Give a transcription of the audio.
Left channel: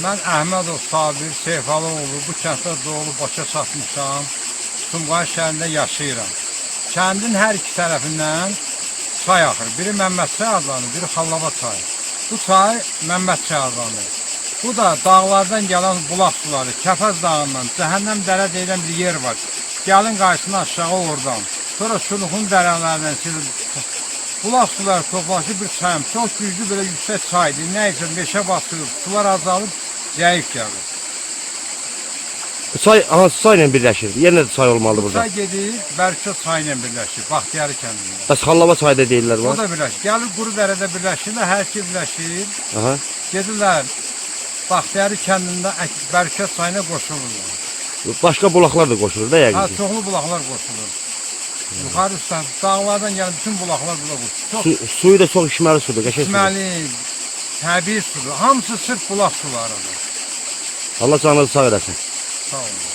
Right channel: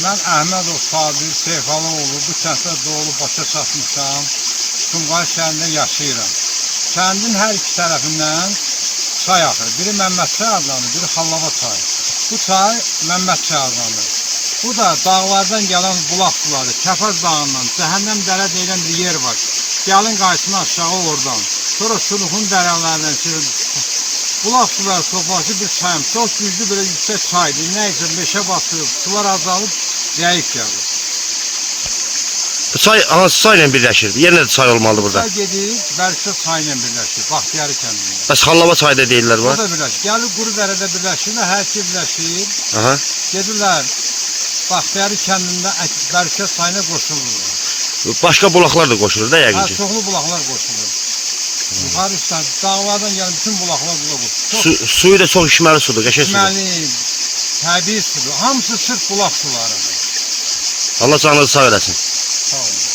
Mən Əhmədov Sabir Seyfaloğlu bu kənddə doğulub başa çatmışam. Sumqayıt şəhərində yaşayıram. Kəndin hər iki tərəfindən çay axır. Biri Məmməd çay adlanır, biri Xallava çayı. Bu çay Məmməd çay adlanır. Bu da dağlardan gələn bulaq suları. Kəpəz dağından, Cəhənnəm dərə deyilən bir yer var. Gəlin qayıtsın aşağı oradan. Sonra Şuluxun dərələrindən bulaq suları toplaşıb bir çayım. Çox güclü belə yüksək çaydır. Nə üçün meşə basıyor, sular azalıb zəif gəlir. Bu çay hansı çayla birləşir? Yenə də çay olmalıdır burada. Çay gedir, Bərkə çayla birləşir, Baxtiyarı kəndində. Bəs Xallava çayı da deyirlər var. O da birləşir. Gəlir Quru dərədə birləşirlər, hər şey birləşir. Aha. Gedirlər Baxtiyarı kəndində Bərkə çayına qoşulurlar. Başqa bulaqlar da qoşulur da yəqin ki. Çoxlu bulaqlar qoşulur. Yuxarı üstdən dağlardan gələn bütün bulaqlar bula qoşulur. Suyu da çox içməli sudur, qəşəng sudur. İçməli, təbii sudur. Hamısı sırf bulaq sularıdır. Allah canınızı sağ eləsin. Sağ olun.